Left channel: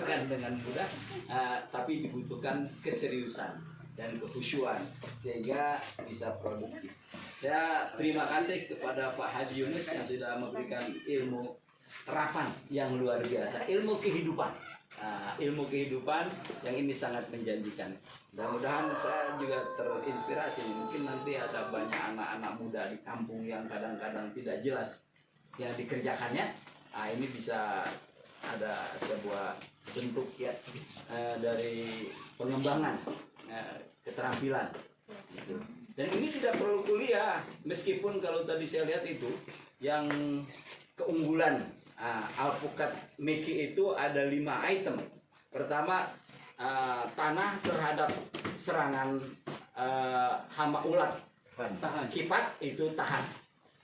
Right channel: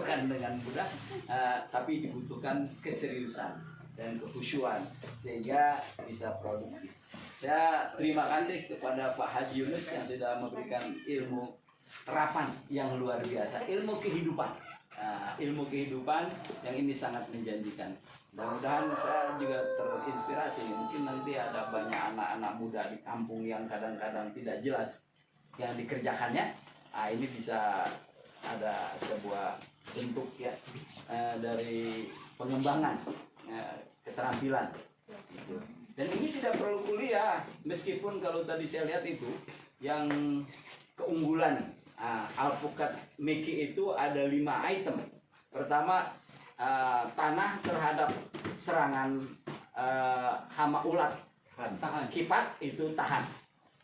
dilakukan dengan mudah, tapi dibutuhkan keseriusan dan kekhusyuan sehingga bisa produktif. Saya terima kasih kepada Pak Haji Yunus yang sudah memberikan ilmu terapan yang luar biasa, ilmu kehidupan. Ilmu kehidupan yang ini sangat menjanjikan. Mudah-mudahan saya juga terinspirasi. Mungkin nanti ada banyak anak-anak muda di kampung yang kadang-kadang tidak jelas yang dikerjakannya. Ini bisa ada sebuah bentuk ya dari pengembangan keterampilan. Dan ini tidak perlu kuliah, meskipun kalau tadi saya lihat itu yang keunggulan alpukat Meki itu ada 5 item. Pertama, tanah terhadap serangan hama ulat, kipat itu tahan.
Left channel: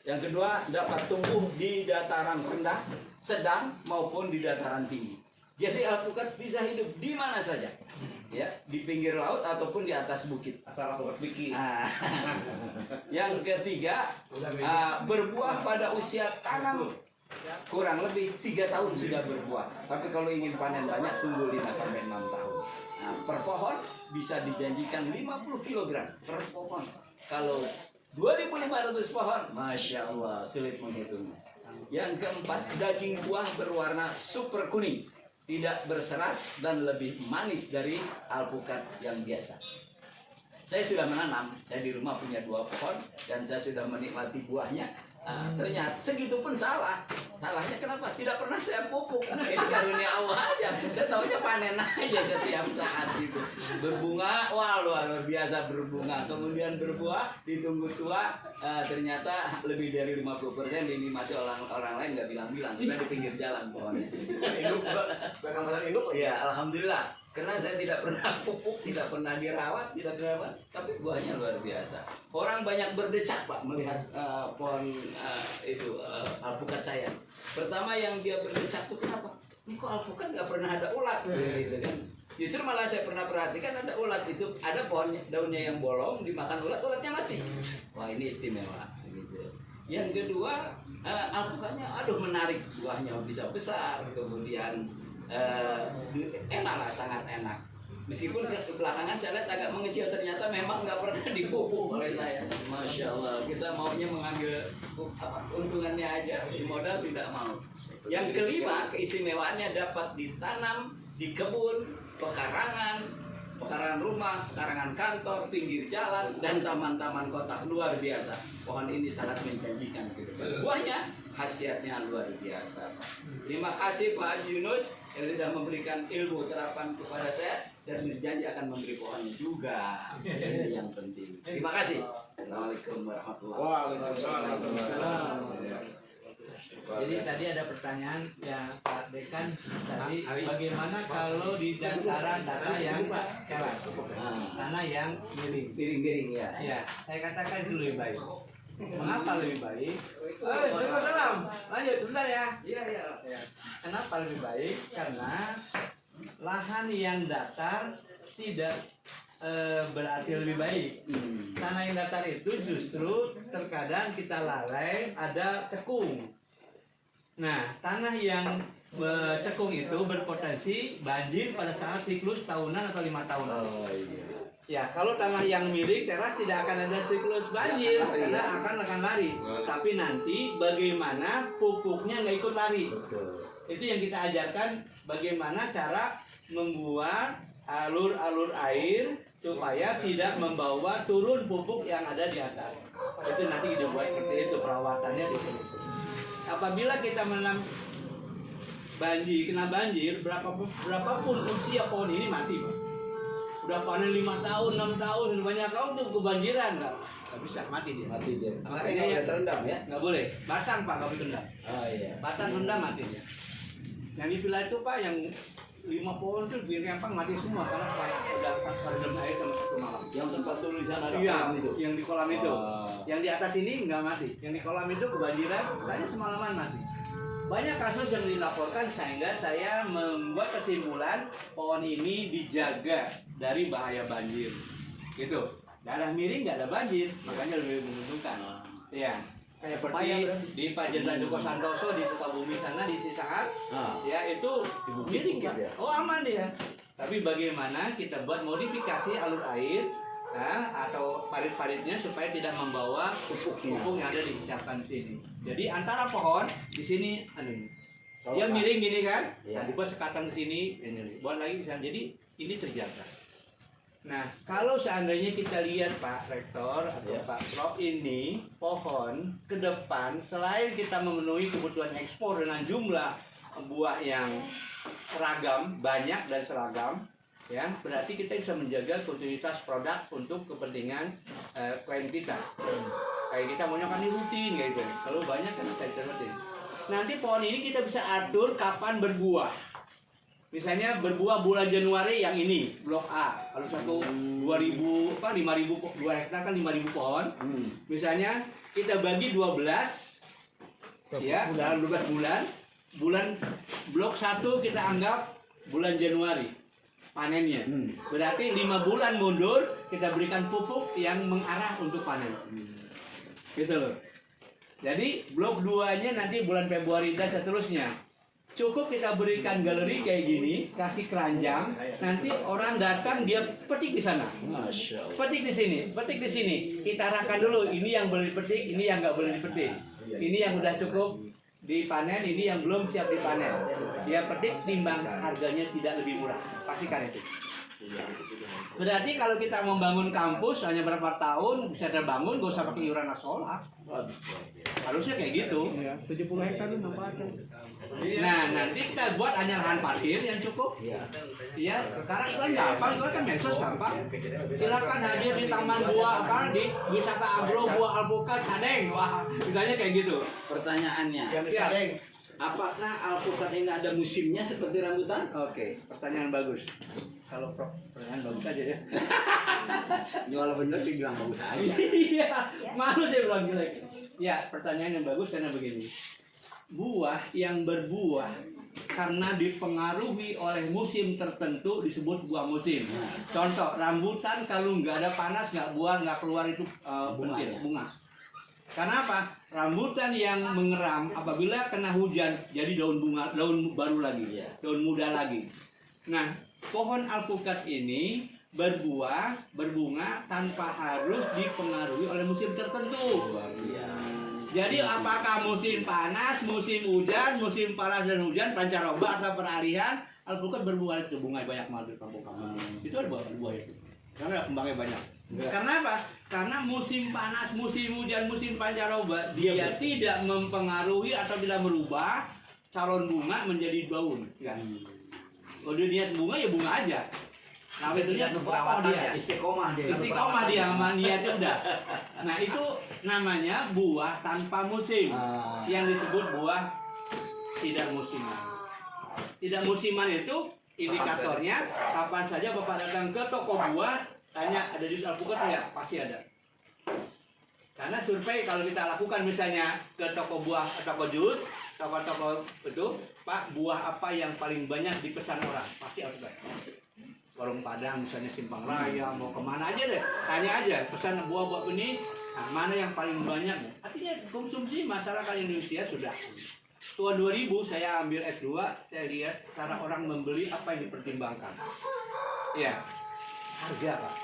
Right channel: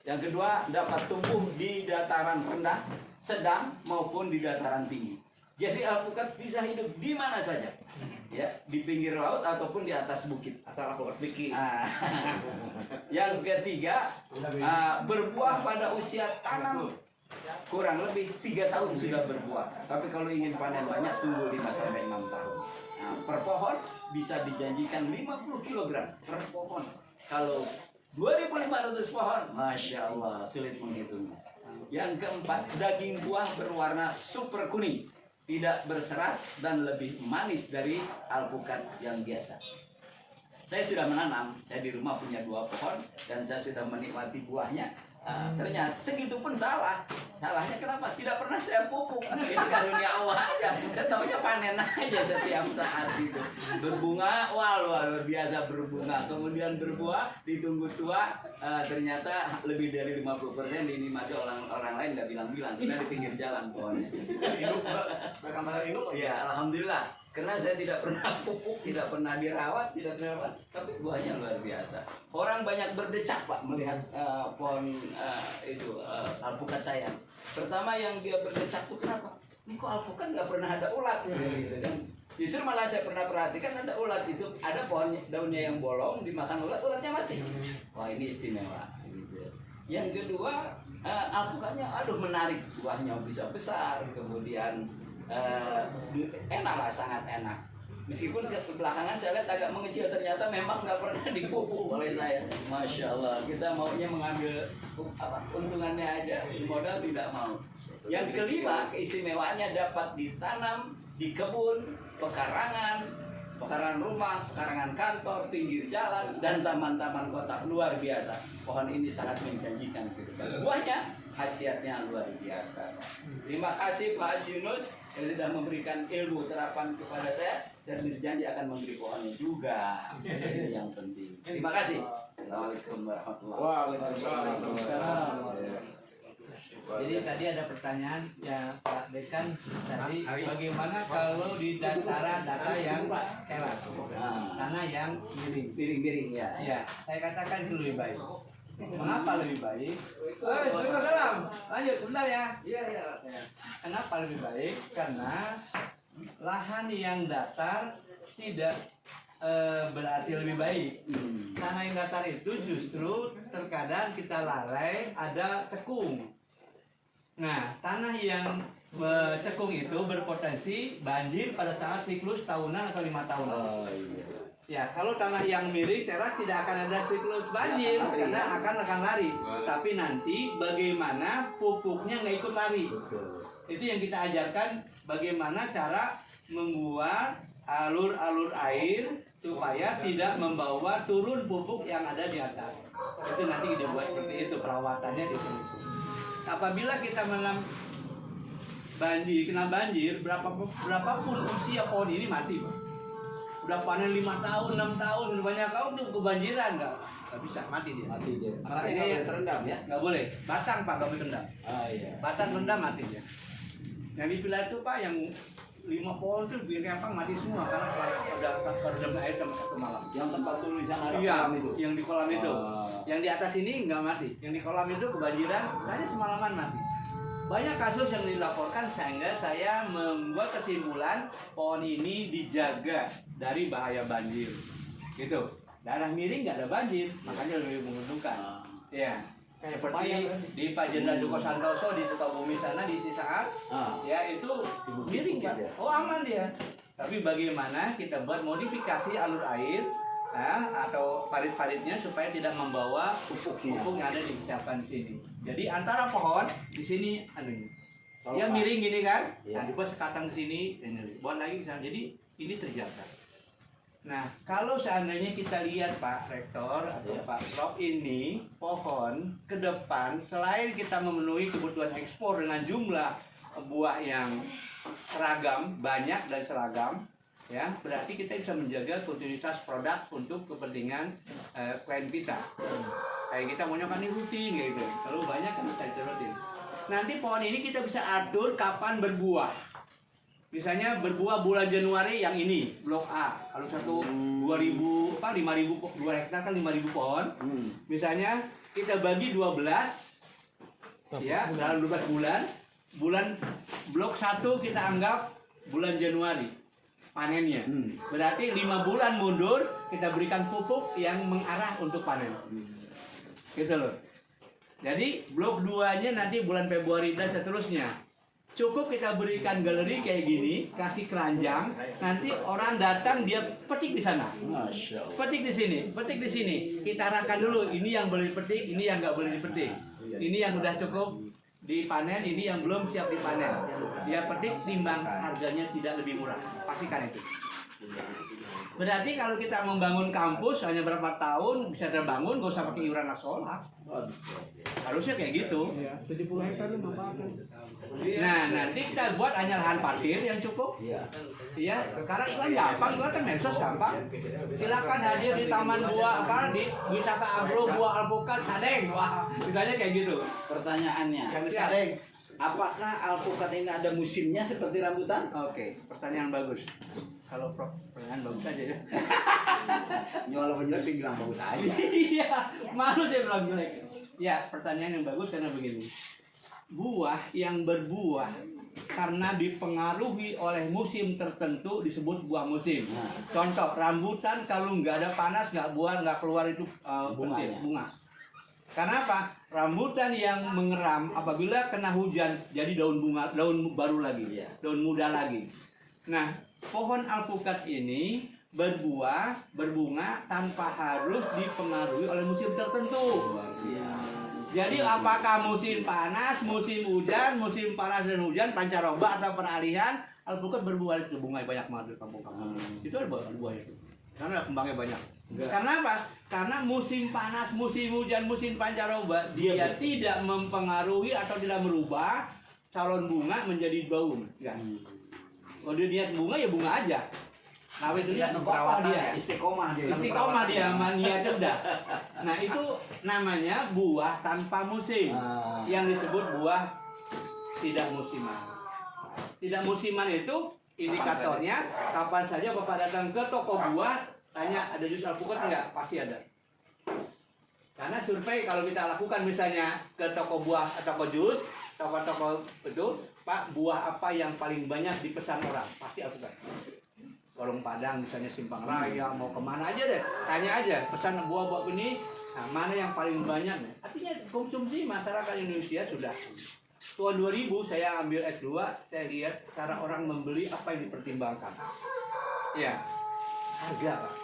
Yang kedua, dapat tumbuh di dataran rendah, sedang maupun di dataran tinggi. Jadi alpukat bisa hidup di mana saja, ya, di pinggir laut ataupun di atas bukit. Asal alpukat Meki. Yang ketiga, berbuah pada usia tanam kurang lebih 3 tahun sudah berbuah. Tapi kalau ingin panen banyak, tunggu 5 sampai 6 tahun. Per pohon bisa dijanjikan 50 kg per pohon. Kalau 2.500 pohon, Masya Allah, sulit menghitungnya. Yang keempat, daging buah berwarna super kuning, tidak berserat dan lebih manis dari alpukat yang biasa. Saya sudah menanam, saya di rumah punya 2 pohon dan saya sudah menikmati buahnya. Ternyata segitu pun salah. Salahnya kenapa? Tidak pernah saya pupuk. Ini karunia Allah aja. Saya taunya panen aja setiap saat itu. Berbunga, wah luar biasa berbunga. Kemudian berbuah, ditunggu tua, ternyata lebih dari 50% dinikmati orang lain nggak bilang-bilang. Sudah di pinggir jalan pohonnya. Ya, alhamdulillah. Karena saya tidak pernah pupuk, tidak pernah dirawat, tidak dirawat, tapi buahnya luar biasa. Orang banyak berdecak Pak melihat pohon itu alpukat saya. Pertama yang dia berdecak itu kenapa? Ini kok alpukat nggak pernah ada ulat, gitu kan? Justru malah saya pernah perhatikan ada ulat itu, ada pohon daunnya yang bolong, dimakan ulat, ulatnya mati. Wah ini istimewa. Gitu. Yang kedua alpukatnya, aduh menarik, buahnya bisa besar, kemudian enak lah, sangat enak. Meskipun belakangan saya lihat agak mengecil, ternyata memang nggak pernah dipupuk oleh saya. Masya Allah, kita maunya mengambil keuntungannya aja, modal tidak mau. Yang kelima, keistimewaannya dapat ditanam di kebun, pekarangan rumah, pekarangan kantor, pinggir jalan, dan taman-taman kota. Luar biasa. Pohon ini sangat menjanjikan. Buahnya, khasiatnya luar biasa. Terima kasih Pak Haji Yunus yang sudah memberikan ilmu terapan kepada saya dan berjanji akan memberi pohonnya juga. Ini yang penting. Terima kasih. Assalamualaikum warahmatullahi wabarakatuh. Jadi tadi ada pertanyaan yang Pak Dekan tadi, bagaimana kalau di dataran yang keras, tanah yang Miring-miring ya. Ya, saya katakan itu lebih baik. Mengapa lebih baik? Waalaikumsalam. Lanjut, sebentar ya. Iya. Kenapa lebih baik? Karena lahan yang datar tidak berarti lebih baik. Tanah yang datar itu justru terkadang kita lalai ada cekung. Nah, tanah yang cekung itu berpotensi banjir pada saat siklus tahunan atau 5 tahunan. Oh iya. Ya, kalau tanah yang miring teras tidak akan ada siklus banjir karena akan lari. Tapi nanti bagaimana pupuknya nggak ikut lari. Betul. Itu yang kita ajarkan, bagaimana cara membuat alur-alur air supaya tidak membawa turun pupuk yang ada di atas. Itu nanti dibuat seperti itu, perawatannya di sini. Apabila kita menanam kena banjir, berapapun usia pohon ini mati, Pak. Udah panen 5 tahun, 6 tahun, banyak tahun tuh kebanjiran nggak bisa, mati dia. Makanya nggak terendam ya? Nggak boleh. Batang Pak, nggak boleh terendam. Iya. Batang rendam mati dia. Nah di villa itu Pak yang 5 pohon tuh di rempang mati semua karena udah terendam air satu malam. Yang tempat tulisan ada Iya, kolam itu. yang di kolam itu. Yang di atas ini nggak mati. Yang di kolam itu kebanjiran, hanya semalaman mati. Banyak kasus yang dilaporkan sehingga saya membuat kesimpulan pohon ini dijaga dari bahaya banjir. Gitu. Daerah miring nggak ada banjir, makanya lebih menguntungkan. Ya. kayak Pepaya seperti berarti. di Pak Jenderal Joko Santoso di Sukabumi sana di Cisaat, ya itu miring Pak. ya? Oh aman dia. Tapi bagaimana kita buat modifikasi alur air atau parit-paritnya supaya tidak membawa pupuk yang ada disiapkan di sini. Jadi antara pohon di sini dia miring gini kan, Iya. nah dibuat sekatan ke sini, ini buat lagi bisa. Jadi ini terjaga. Nah, kalau seandainya kita lihat Pak Rektor atau Iya. Pak Prof ini pohon ke depan selain kita memenuhi kebutuhan ekspor dengan jumlah buah yang seragam, banyak dan seragam, ya berarti kita bisa menjaga kontinuitas produk untuk kepentingan klien kita. Kayak kita maunya kan ini rutin kayak gitu. Kalau banyak kan bisa rutin. Nanti pohon ini kita bisa atur kapan berbuah. Misalnya berbuah bulan Januari yang ini, blok A. Kalau satu 2000 apa 5000 2 hektar kan 5000 pohon. Misalnya kita bagi 12 ya dalam 12 bulan. Bulan blok 1 kita anggap bulan Januari panennya. Berarti 5 bulan mundur kita berikan pupuk yang mengarah untuk panen. Gitu loh. Jadi blok 2-nya nanti bulan Februari dan seterusnya. Cukup kita berikan galeri kayak gini, kasih keranjang, nanti orang datang dia petik di sana. Masya Allah. Petik di sini, petik di sini. Kita arahkan dulu, ini yang boleh dipetik, ini yang nggak boleh dipetik. Ini yang udah cukup dipanen, ini yang belum siap dipanen. Dia petik, timbang harganya tidak lebih murah. Pastikan itu. Berarti kalau kita membangun kampus hanya berapa tahun bisa terbangun, gak usah pakai iuran nasional. Harusnya kayak gitu. 70 hektar itu manfaatkan. Nah, nanti kita buat hanya lahan parkir yang cukup. Iya, sekarang itu kan gampang, itu kan medsos gampang. Silakan hadir di Taman Buah apa di Wisata Agro Buah Alpukat Sadeng. Wah, misalnya kayak gitu. Pertanyaannya, Siap. apakah alpukat ini ada musimnya seperti rambutan? Oke, pertanyaan bagus. Kalau Prof, pertanyaan bagus aja ya. Walaupun jelek dibilang bagus aja. Iya, malu saya bilang jelek. Ya, pertanyaan yang bagus karena begini. Buah yang berbuah karena dipengaruhi oleh musim tertentu disebut buah musim. Contoh, rambutan kalau nggak ada panas, nggak buah, nggak keluar itu Bunga, pentil, ya? bunga. Karena apa? Rambutan yang mengeram apabila kena hujan jadi daun bunga, daun baru lagi, daun muda lagi. Nah, pohon alpukat ini berbuah, berbunga tanpa harus dipengaruhi oleh musim tertentu. Jadi apakah musim panas, musim hujan, musim panas dan hujan, pancaroba atau peralihan, alpukat berbuah itu bunga banyak banget di kampung-kampung. Itu ada buah itu. Karena kembangnya banyak. Karena apa? Karena musim panas, musim hujan, musim pancaroba dia tidak mempengaruhi atau tidak merubah calon bunga menjadi daun. Kan? Kalau dia niat bunga ya bunga aja. Nah, itu dia perawatan dia. istiqomah dia. Istiqomah dia sama niatnya udah. Nah, itu namanya buah tanpa musim. Yang disebut buah tidak musiman. Tidak musiman itu indikatornya kapan saja Bapak datang ke toko buah tanya ada jus alpukat enggak? Pasti ada. Karena survei kalau kita lakukan misalnya ke toko buah, toko jus, toko-toko itu, Pak, buah apa yang paling banyak dipesan orang? Pasti alpukat. Warung Padang misalnya Simpang Raya mau kemana aja deh, tanya aja pesan buah-buah ini, nah, mana yang paling banyak? Artinya konsumsi masyarakat Indonesia sudah. Tahun 2000 saya ambil S2, saya lihat cara orang membeli apa yang dipertimbangkan. Ya, harga Pak.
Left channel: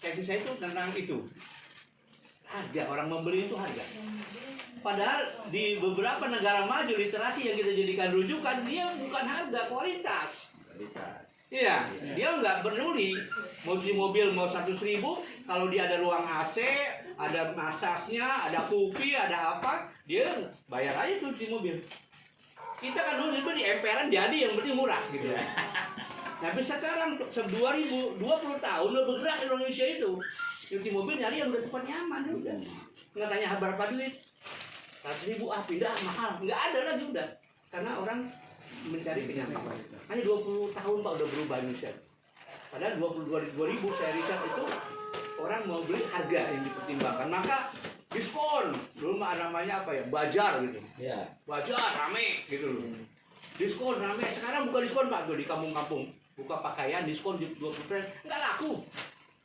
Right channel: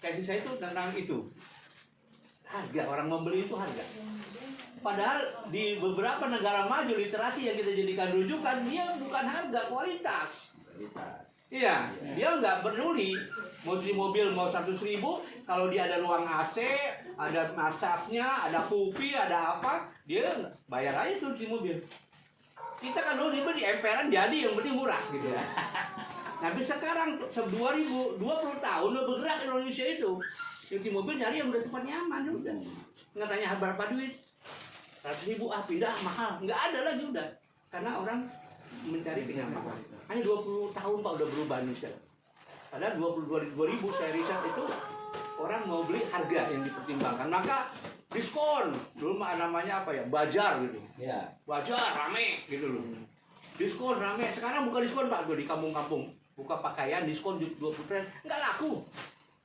Tesis saya itu tentang itu. Harga, orang membeli itu harga. Padahal di beberapa negara maju literasi yang kita jadikan rujukan, dia bukan harga, kualitas. Iya, dia nggak peduli mau beli mobil mau 100.000, kalau dia ada ruang AC, ada massasnya, ada kopi, ada apa, dia bayar aja tuh di mobil. Kita kan dulu di emperan jadi yang penting murah gitu ya. Tapi sekarang 2020 tahun udah bergerak Indonesia itu. Cuci mobil nyari yang udah cepat nyaman udah. Nggak tanya berapa duit. 100.000 pindah mahal. Nggak ada lagi udah. Karena orang mencari kenyamanan. Hanya 20 tahun Pak udah berubah Indonesia. Padahal 2000 saya riset itu orang mau beli harga yang dipertimbangkan. Maka diskon. Dulu mah namanya apa ya? Bajar gitu. Ya. Bajar rame gitu loh. Diskon rame. Sekarang buka diskon Pak tuh di kampung-kampung. Buka pakaian diskon 20%. Nggak laku.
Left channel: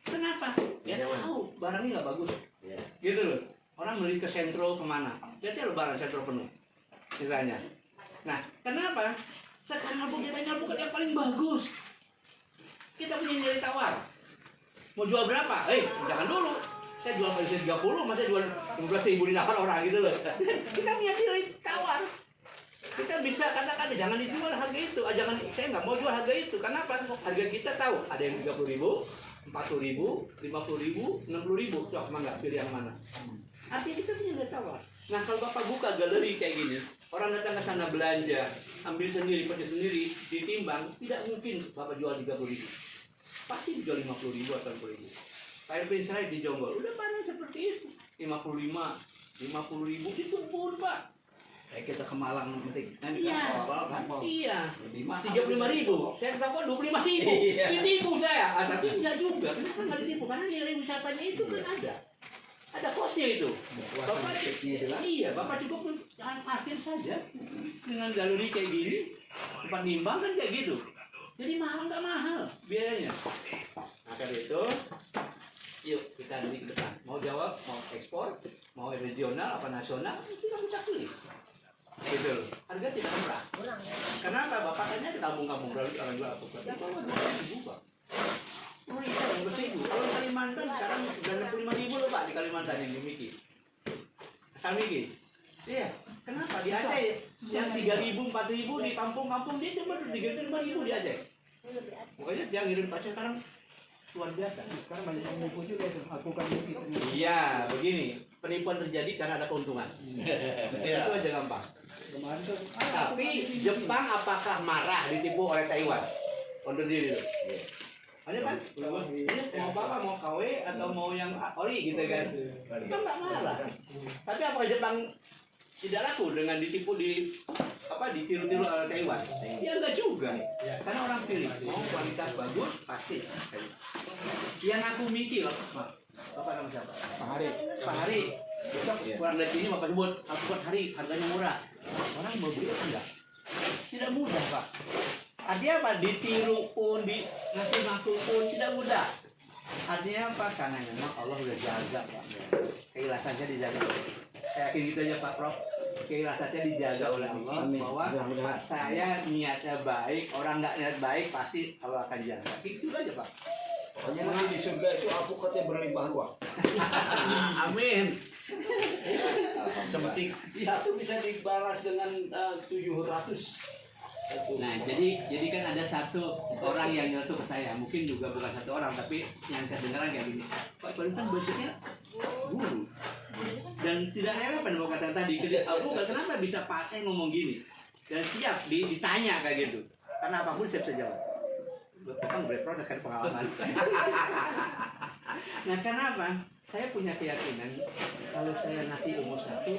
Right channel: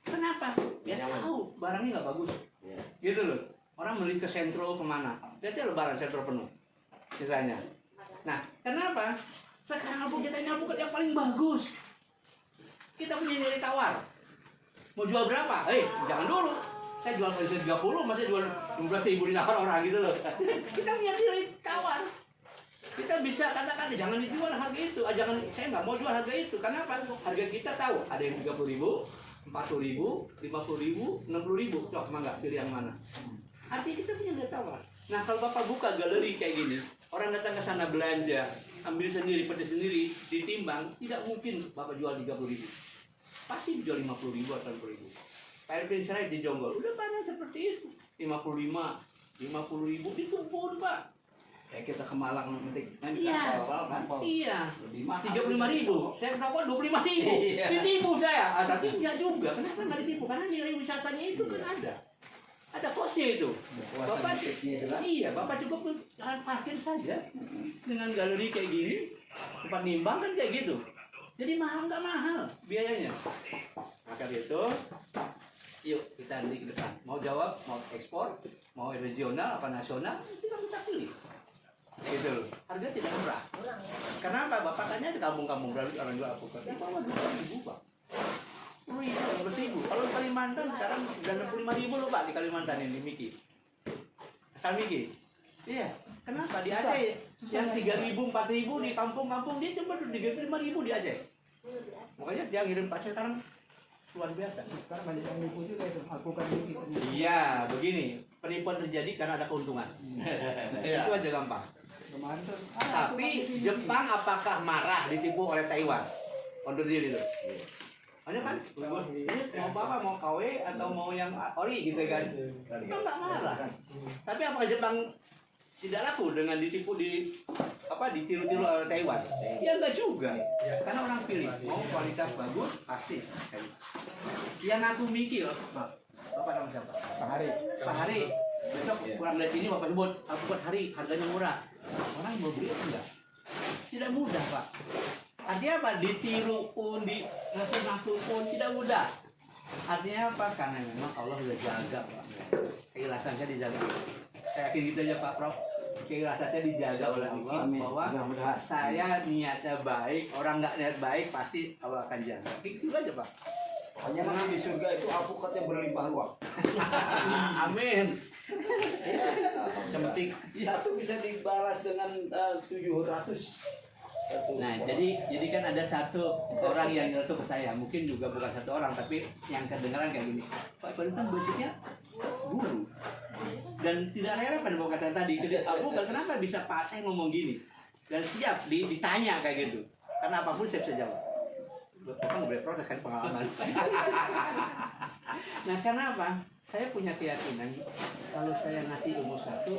Kenapa? Ya tahu barangnya nggak bagus. Ya. Gitu loh. Orang beli ke sentro kemana? Jadi lebaran sentro penuh, misalnya. Nah, kenapa? Sekarang kita alpukat yang paling bagus. Kita punya nilai tawar. Mau jual berapa? Jangan dulu. Saya jual pada 30, masa jual 15.000 dinahar orang gitu loh. Kita punya nilai tawar. Kita bisa katakan jangan dijual harga itu. Jangan, saya nggak mau jual harga itu. Kenapa? Harga kita tahu. Ada yang 30.000, 40.000, 50.000, 60.000. Coba mangga pilih yang mana? Artinya kita punya nilai tawar. Nah kalau Bapak buka galeri kayak gini, orang datang ke sana belanja, ambil sendiri, pedas sendiri, ditimbang, tidak mungkin Bapak jual 30.000. Pasti dijual 50.000 atau 40.000. Airplane saya di Jonggol, udah panas seperti itu. 55, 50.000 di kebun Pak. Kayak kita ke Malang metik. Iya. Iya. Lebih mahal. 35.000. Saya kata 25.000. Iya. Ditipu saya. Tapi enggak juga. Kenapa nggak ditipu? Karena nilai wisatanya itu kan ada. Ada kosnya itu. Bapak iya, Bapak cukup parkir saja dengan galeri kayak gini, tempat nimbang kan kayak gitu. Jadi mahal nggak mahal biayanya. Maka itu, yuk kita beli ke depan. Mau jawab, mau ekspor, mau regional apa nasional, kita pilih. Gitu loh. Harga tidak murah. Kenapa? Bapak tanya di kampung-kampung berarti orang jual alpukat. Di bawah 2.000 Pak. 10.000. Kalau di Kalimantan sekarang sudah 65.000 loh Pak di Kalimantan ini Miki. Asal Miki. Iya. Kenapa? Di Aceh yang 3.000, 4.000 di kampung-kampung dia cuma 3.000, 5.000 di Aceh. Pokoknya dia ngirim Aceh sekarang luar biasa. Sekarang banyak yang nipu juga itu alpukat ini. Iya, begini. Penipuan terjadi karena ada keuntungan. Itu aja gampang. Kemarin tuh. Tapi Jepang apakah marah ditipu oleh Taiwan? Onder diri itu. Ada kan? Ini mau apa? Mau KW atau mau yang ori gitu kan? Kan nggak marah. Tapi apakah Jepang tidak laku dengan ditipu ditiru-tiru oleh Taiwan? Ya enggak juga. Karena orang pilih mau kualitas bagus pasti. Yang aku mikir, Bapak nama siapa? Pak Hari. Pak Hari. Besok pulang dari sini Bapak sebut alpukat Hari, harganya murah. Orang mau beli enggak? Tidak mudah Pak. Artinya apa? Ditiru pun, ngaku-ngaku pun tidak mudah. Artinya apa? Karena memang Allah sudah jaga Pak. Keikhlasan saya dijaga. Saya yakin gitu aja Pak Prof. Keikhlasan saya dijaga oleh Allah. Amin. Bahwa Mudah-mudahan. saya niatnya baik, orang nggak niat baik pasti Allah akan jaga. Gitu aja Pak. Hanya nanti di surga itu alpukatnya berlimpah ruah. Amin. Semetik satu bisa dibalas dengan 700. Nah, jadi kan ada satu orang yang nyeletuk ke saya, mungkin juga bukan satu orang, tapi yang kedengaran kayak gini. Pak Kualitas basicnya guru dan tidak relevan dengan kata tadi. Aku kenapa bisa Pak saya ngomong gini dan siap ditanya kayak gitu. Karena apapun saya bisa jawab. Kan boleh protes kan pengalaman. Nah, kenapa? Saya punya keyakinan kalau saya ngasih ilmu satu,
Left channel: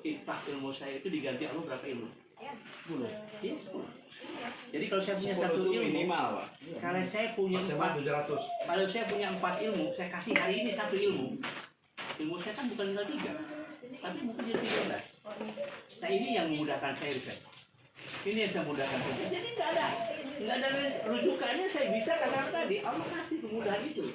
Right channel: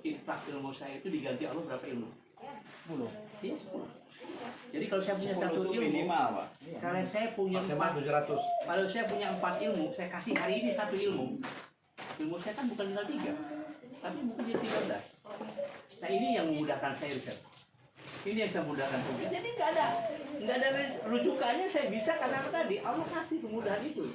infak ilmu saya itu diganti Allah berapa ilmu? 10. Iya, 10. Jadi kalau saya punya satu ilmu minimal, Pak. kalau saya punya Maksimal 700. kalau saya punya 4 ilmu, saya kasih hari ini satu ilmu. Ilmu saya kan bukan tinggal 3, tapi mungkin jadi 13. Nah ini yang memudahkan saya Ustaz. Ini yang saya mudahkan saya. Jadi nggak ada rujukannya saya bisa karena apa tadi Allah kasih kemudahan itu.